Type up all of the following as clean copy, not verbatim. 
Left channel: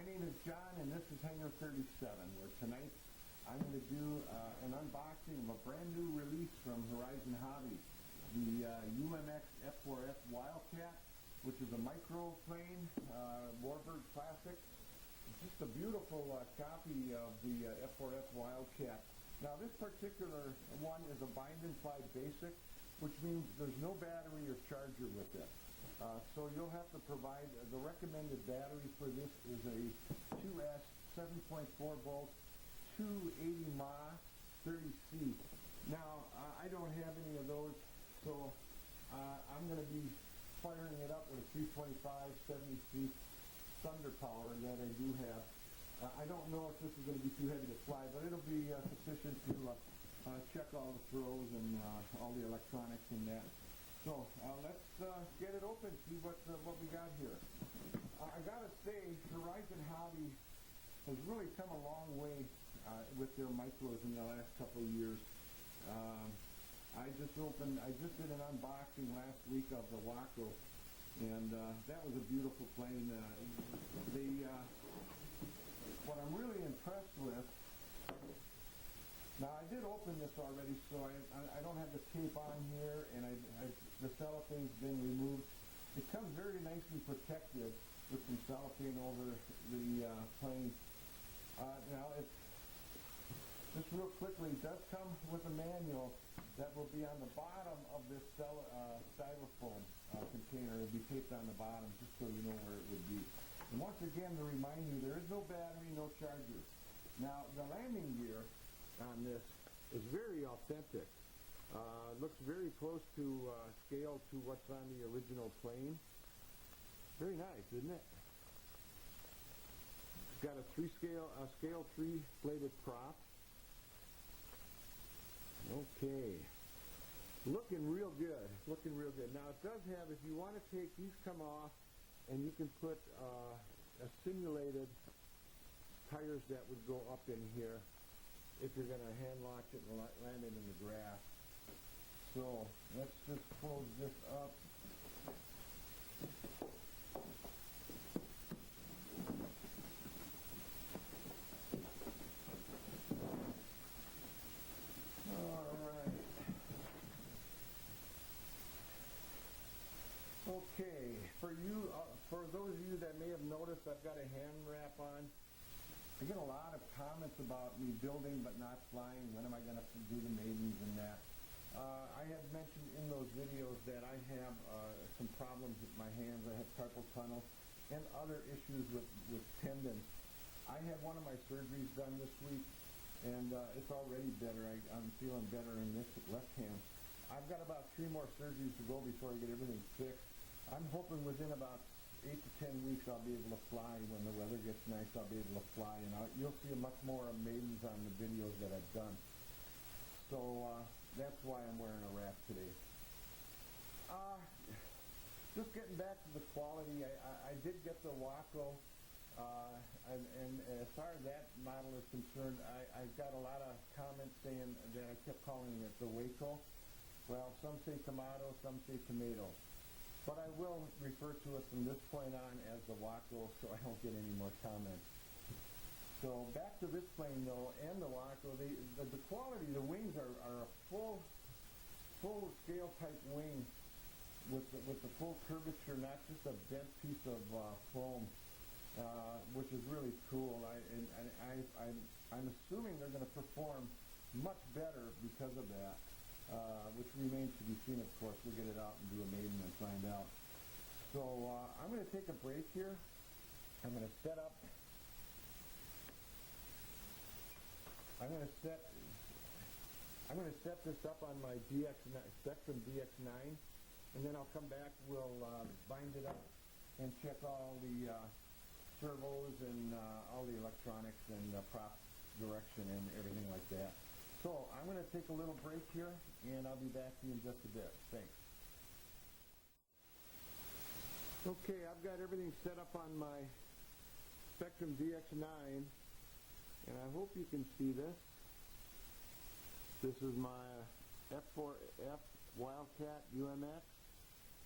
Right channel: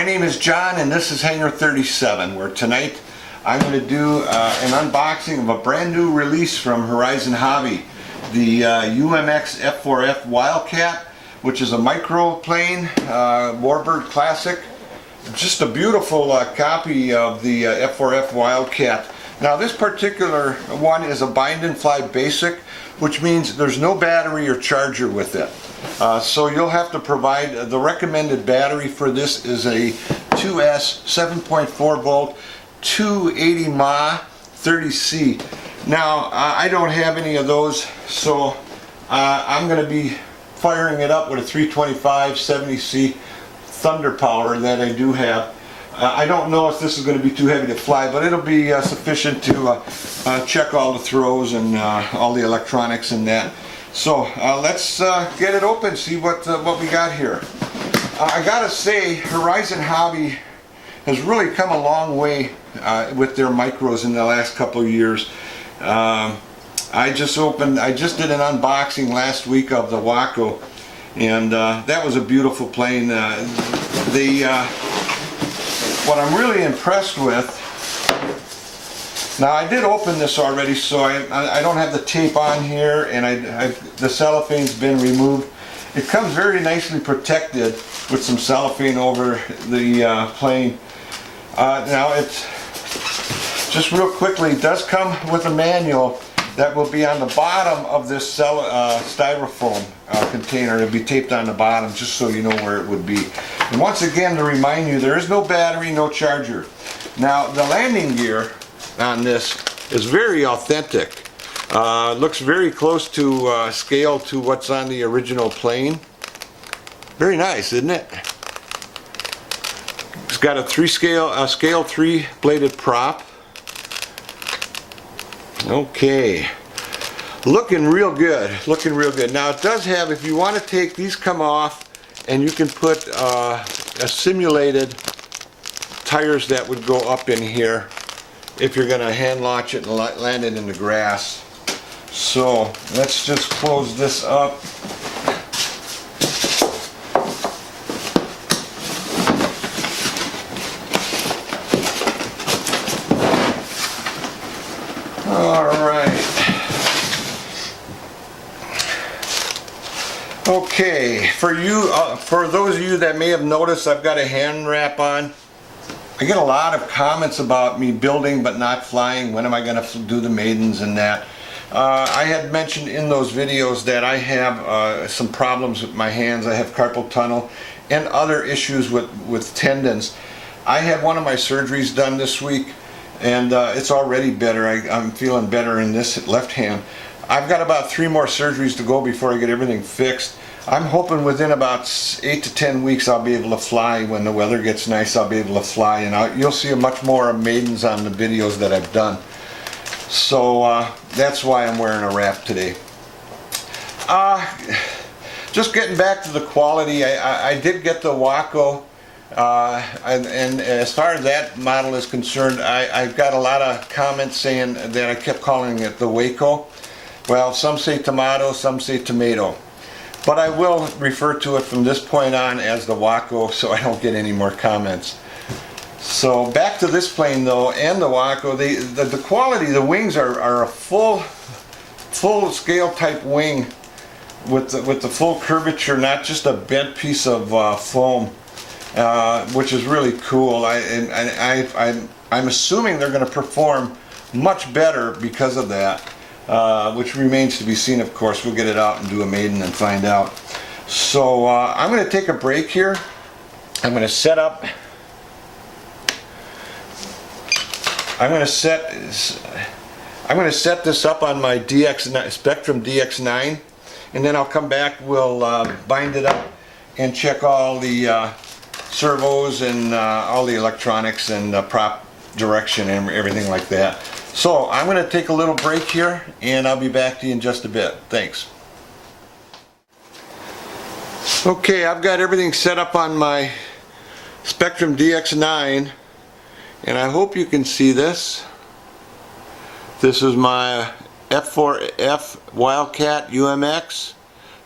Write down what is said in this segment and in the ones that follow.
My name is John and this is Hangar 37, where tonight I'm going to do an unboxing of a brand new release from Horizon Hobby, the UMX F4F Wisldcat, which is a microplane warbird classic. Just a beautiful copy of the F4F Wisldcat. Now this particular one is a bind and fly basic, which means there's no battery or charger with it. So you'll have to provide, the recommended battery for this is a 2S 7.4 volt 280 mAh 30C. Now I don't have any of those, so I'm going to be firing it up with a 325 70C thunder power that I do have. I don't know if this is going to be too heavy to fly, but it'll be sufficient to check all the throws and all the electronics and that. So let's get it open, see what we got here. I gotta say, Horizon Hobby has really come a long way with their micros in the last couple of years. I just did an unboxing last week of the Waco, and that was a beautiful plane. What I'm really impressed with, now I did open this already, so I don't have the tape on here, and the cellophane's been removed. It comes very nicely protected with some cellophane over the plane. Now it's, just real quickly, it does come with a manual that will be on the bottom of this styrofoam container. It'll be taped on the bottom just so you know where it would be. And once again, to remind you, there is no battery, no charger. Now the landing gear on this is very authentic. Looks very close to scale to what's on the original plane. Very nice, isn't it? It's got a scale 3 bladed prop. Okay, looking real good, looking real good. Now it does have, if you want to take these, come off, and you can put a simulated tires that would go up in here if you're going to hand launch it and land it in the grass. So let's just close this up. Okay, for those of you that may have noticed, I've got a hand wrap on. I get a lot of comments about me building but not flying. When am I going to do the maidens and that? I had mentioned in those videos that I have some problems with my hands. I have carpal tunnel and other issues with tendons. I had one of my surgeries done this week, and it's already better. I'm feeling better in this left hand. I've got about 3 more surgeries to go before I get everything fixed. I'm hoping within about 8 to 10 weeks I'll be able to fly. When the weather gets nice, I'll be able to fly, and you'll see much more maidens on the videos that I've done. So that's why I'm wearing a wrap today. Just getting back to the quality, I did get the Waco, and as far as that model is concerned, I've got a lot of comments saying that I kept calling it the Waco. Well, some say tomato, some say tomato. But I will refer to it from this point on as the Waco, so I don't get any more comments. So back to this plane though, and the Waco, the quality, the wings are a full scale type wing with the full curvature, not just a bent piece of foam, which is really cool. I'm assuming they're going to perform much better because of that. Which remains to be seen, of course. We'll get it out and do a maiden and find out. So I'm going to take a break here. I'm going to set this up on my Spectrum DX9, and then I'll come back. We'll bind it up and check all the servos and all the electronics and prop direction and everything like that. So I'm going to take a little break here, and I'll be back to you in just a bit. Thanks. Okay, I've got everything set up on my Spectrum DX9, and I hope you can see this. This is my F4F Wisldcat UMX.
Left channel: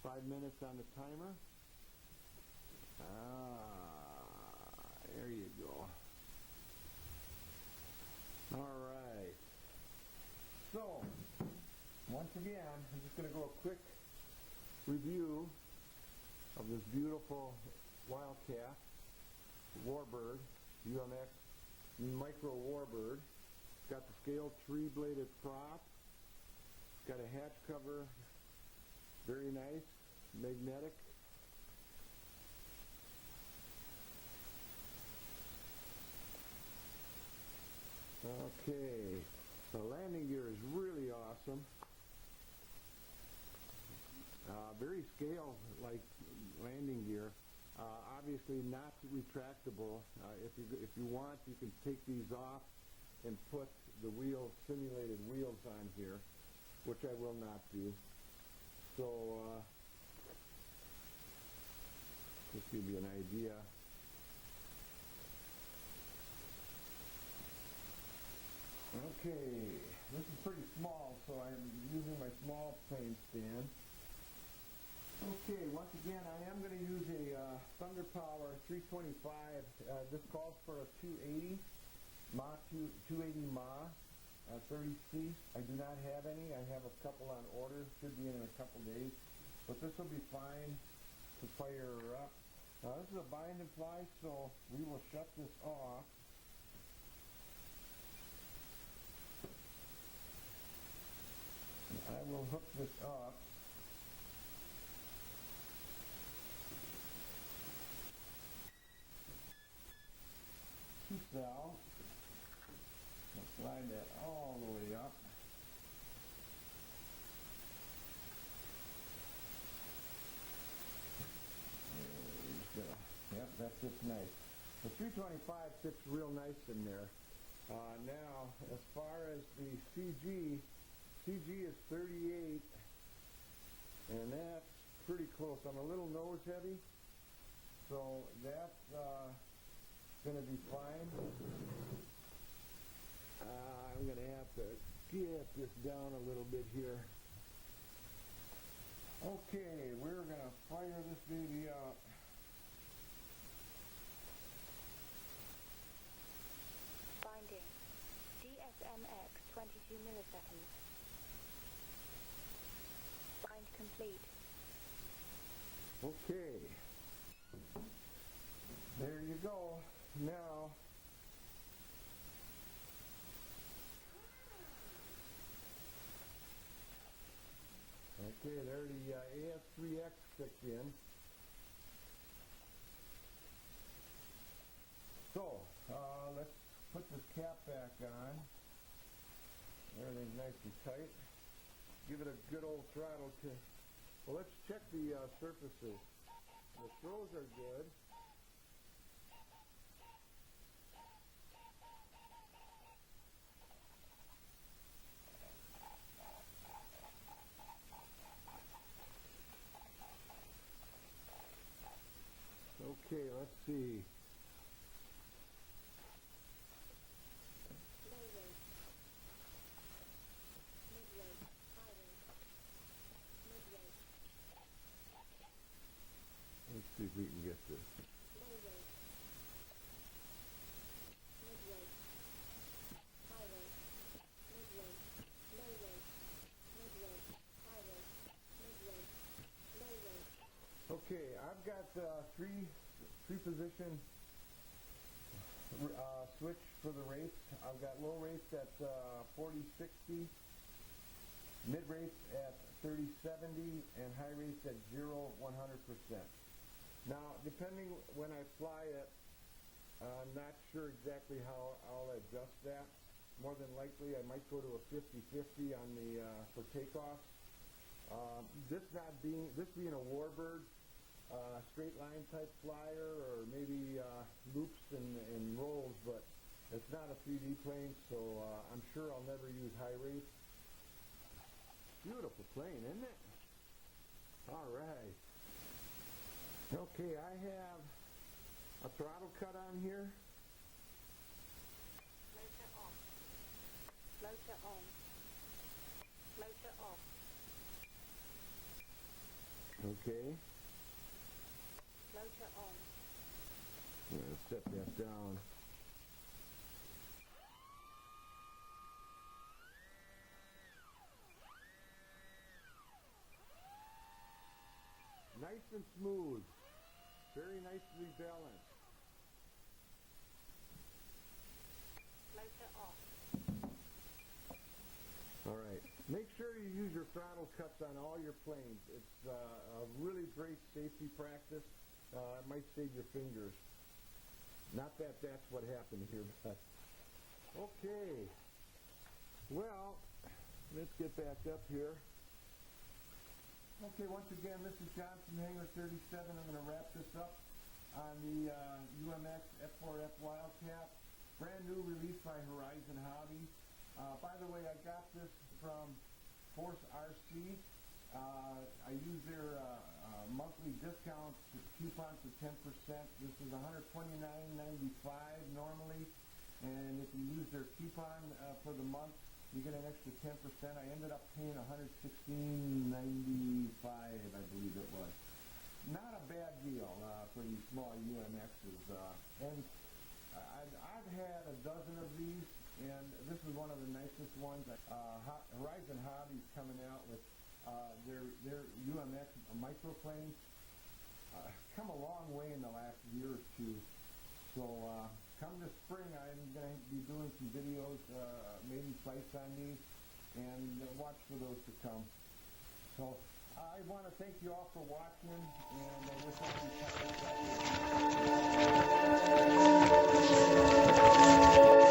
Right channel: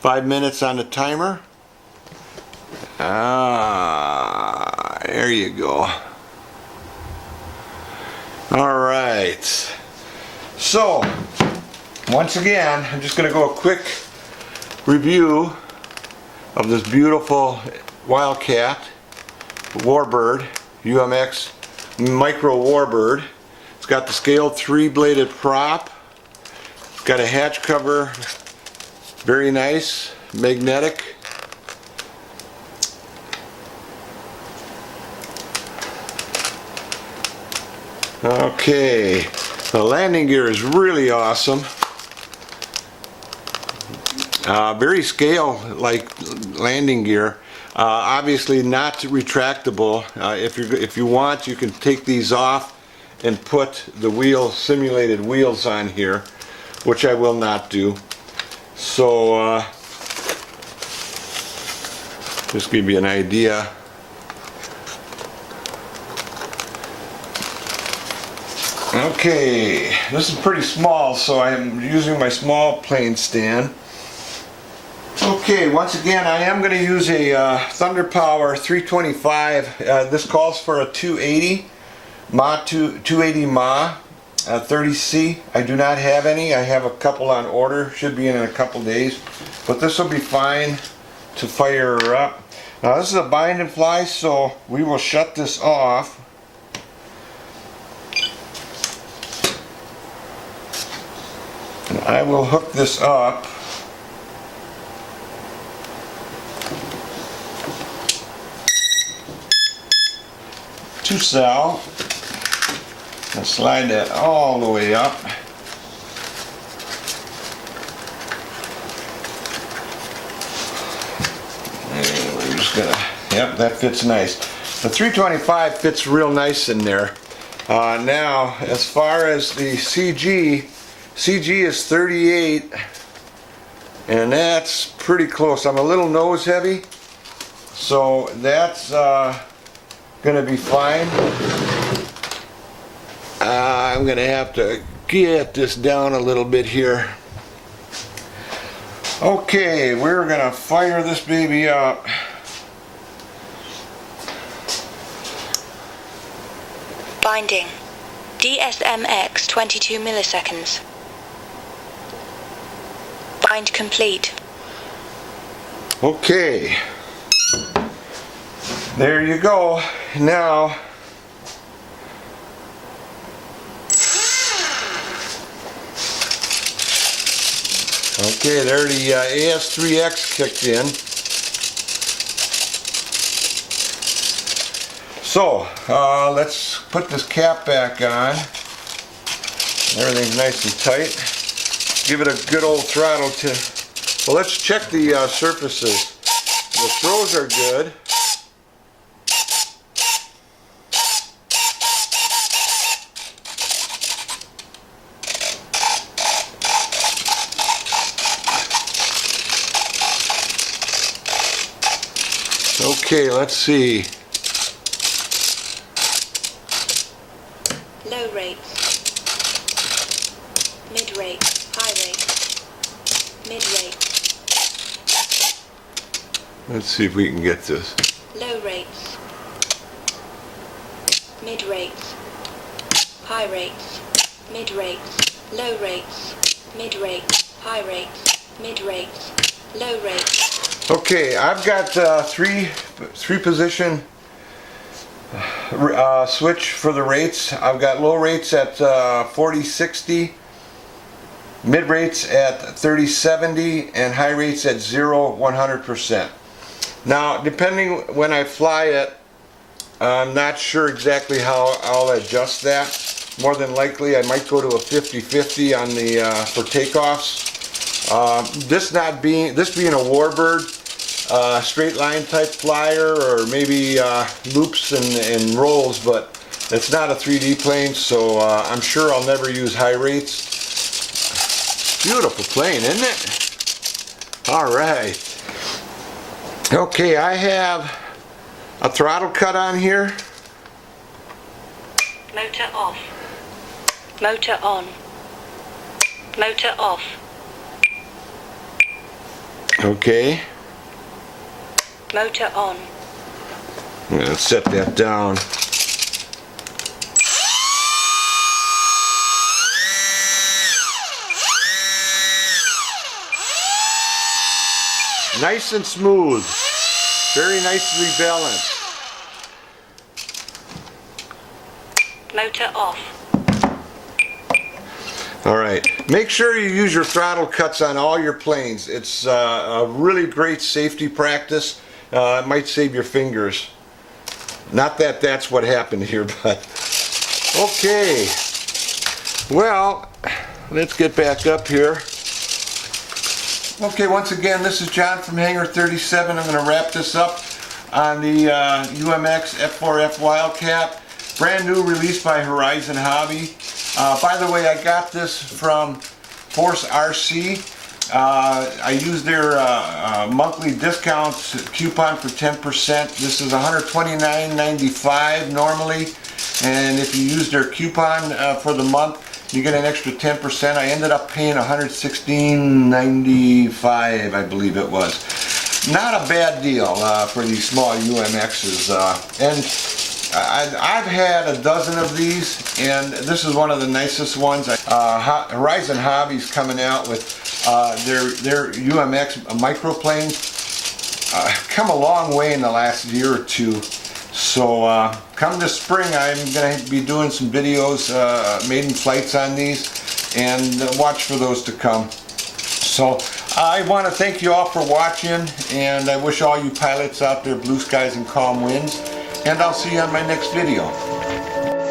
5 minutes on the timer. There you go. Alright. So, once again, I'm just going to go a quick review of this beautiful WildCat Warbird, UMX Micro Warbird. It's got the scaled 3-bladed prop. It's got a hatch cover, very nice, magnetic. Okay, the landing gear is really awesome. Very scale-like landing gear. Obviously not retractable. If you want, you can take these off and put the simulated wheels on here, which I will not do. So just give you an idea. Okay, this is pretty small, so I'm using my small plane stand. Okay, once again, I am going to use a Thunder Power 325. This calls for a 280 mAh 30C. I do not have any. I have a couple on order. Should be in a couple days, but this will be fine to fire her up. Now this is a bind and fly, so we will shut this off. And I will hook this up. To cell. And slide that all the way up. And we're just gonna, yep, that fits nice. The 325 fits real nice in there. Now, as far as the CG is 38, and that's pretty close. I'm a little nose heavy, so that's gonna be fine. I'm gonna have to get this down a little bit here. Okay, we're gonna fire this baby up. Binding. DSMX 22 milliseconds. Bind complete. Okay. There you go. Now, okay, there the AS3X kicked in. So, let's put this cap back on. Everything's nice and tight. Give it a good old throttle to... Well, let's check the surfaces. The throws are good. Okay, let's see. Low rates. Mid rate. High rate. Mid rate. Let's see if we can get this. Low rates. Mid rates. High rates. Mid rates. Low rates. Mid rates. High rates. Mid rates. Low rates. Okay, I've got three position switch for the rates. I've got low rates at 40-60, mid rates at 30-70, and high rates at 0-100%. Now, depending when I fly it, I'm not sure exactly how I'll adjust that. More than likely, I might go to a 50-50 on the for takeoffs. This being a Warbird, straight line type flyer, or maybe loops and rolls, but it's not a 3D plane, so I'm sure I'll never use high rates. Beautiful plane, isn't it? All right. Okay, I have a throttle cut on here. Motor off. Motor on. Motor off. Okay. Motor on. I'm going to set that down. Nice and smooth. Very nicely balanced. Motor off. Alright, make sure you use your throttle cuts on all your planes. It's a really great safety practice. It might save your fingers. Not that that's what happened here, but okay. Well, let's get back up here. Okay, once again, this is John from Hangar 37. I'm going to wrap this up on the UMX F4F Wildcat. Brand new release by Horizon Hobby. By the way, I got this from Force RC. I used their monthly discount coupon for 10%. This is $129.95 normally, and if you use their coupon for the month, you get an extra 10%. I ended up paying $116.95, I believe it was. Not a bad deal for these small UMXs. And I've had a dozen of these, and this is one of the nicest ones. Horizon Hobby's coming out with their UMX microplanes. Come a long way in the last year or two. So come this spring, I'm going to be doing some videos, maiden flights on these, and watch for those to come. So I want to thank you all for watching, and I wish all you pilots out there blue skies and calm winds, and I'll see you on my next video.